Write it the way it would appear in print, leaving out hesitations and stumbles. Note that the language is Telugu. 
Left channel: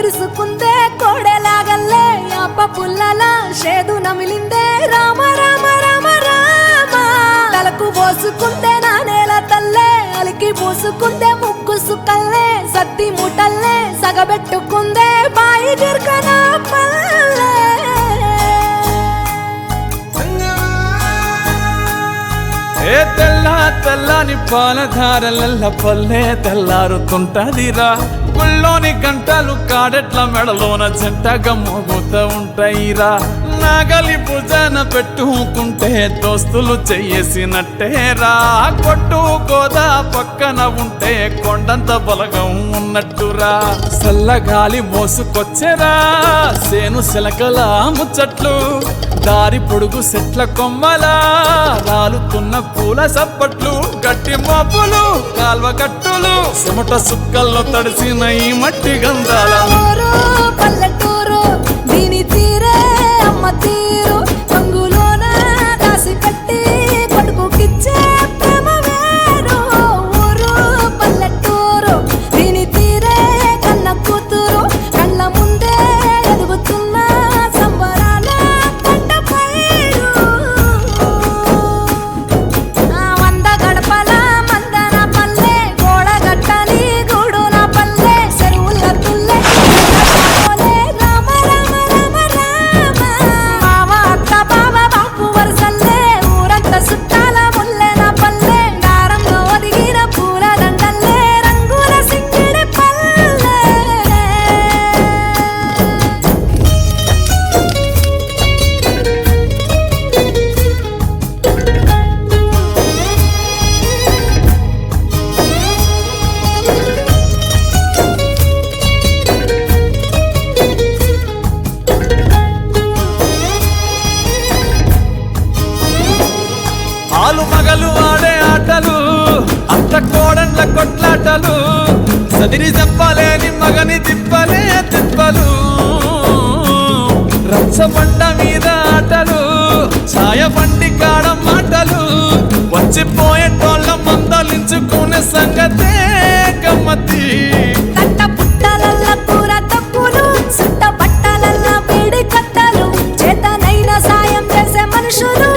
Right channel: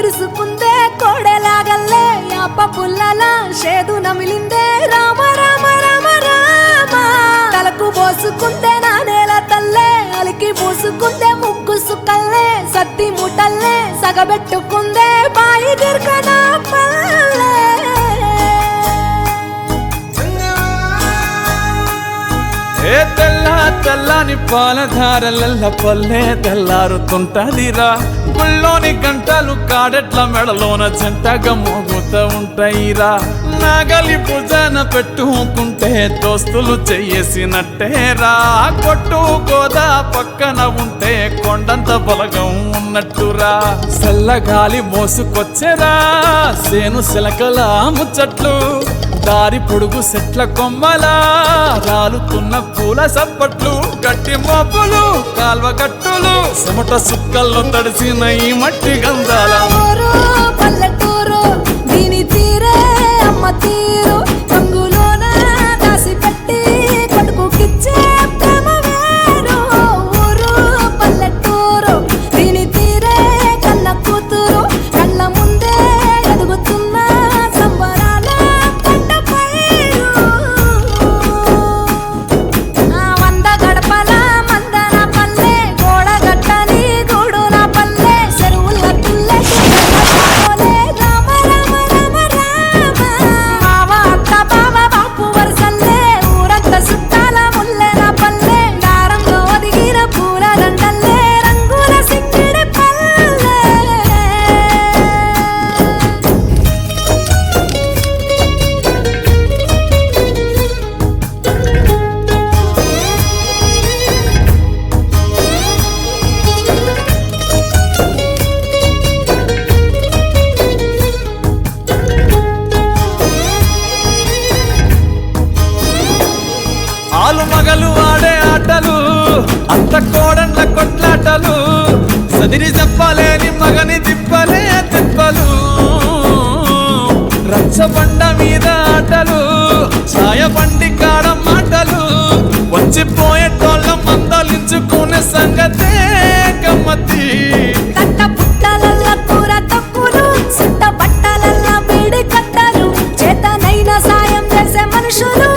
ఎగురుసుకుందే కోడెలాగల్లే యాప పుల్లల షేదు నమిలిందే రామ రామ రామ రామ తలకు పోసుకుందే నా నేల తల్లే అలికి పూసుకుందే ముగ్గు సుక్కల్లే సద్ది మూటల్లే సగబెట్టుకుందే బాయి గిర్కన పల్లె ఏ తెల్ల తెల్లని పాలధారలల్ల పల్లె తెల్లారుతుంటదిరా గుళ్ళోని గంటలు కాడెట్ల మెడలోన జంటగా మోగుతూ ఉంటాయిరా నాగలి భుజాన పెట్టుకుంటే దోస్తులు చెయ్యేసినట్టేరా కొట్టు గోదా పక్కన ఉంటే కొండంత బలగం ఉన్నట్టురా చల్లగాలి మోసుకొచ్చెరా సేను శిలకల ముచ్చట్లు దారి పొడుగు చెట్ల కొమ్మలా రాలుతున్న పూల సప్పట్లు గట్టి మోపులు కాల్వ గట్టులు చెమట సుక్కల్లో తడిసిన ఈ మట్టి గంధాల పల్లెటూరు దీని తీరే అమ్మ తీరు కంగులోన దాసి పెట్టి కొడుకుకిచ్చే ప్రేమ వేరు ఊరు పల్లెటూరు దీని తీరే కన్న కూతురు కళ్ళ ముందే ఎదుగుతున్న సంబరాల పంట పైరు వంద గడపల మందన పల్లె గోడ గట్టని గూడు నా పల్లె చెరువుల తుల్లె రామ రామ రామ రామ మావ అత్త బావ బాపు వరసల్లే ఊరంతా చుట్టాల ముల్లె నా పల్లె దారంలో ఒదిగిన పూల దండల్లే రంగుల సింగిడి పల్లె ఆలు మగలు ఆడే ఆటలు అత్త కోడన్ల కొట్లాటలు సదిరి చెప్పలేని మగని తిప్పలే తిప్పలు రచ్చబండ మీద ఆటలు ఛాయబండి కాడ మాటలు వచ్చిపోయేటోళ్ళ మందలించుకునే సంగతే గమ్మతి కట్ట పుట్టలల్ల కూర తక్కులు సుట్ట బట్టలల్ల వేడి కట్టలు చేతనైన సాయం చేసే మనుషులు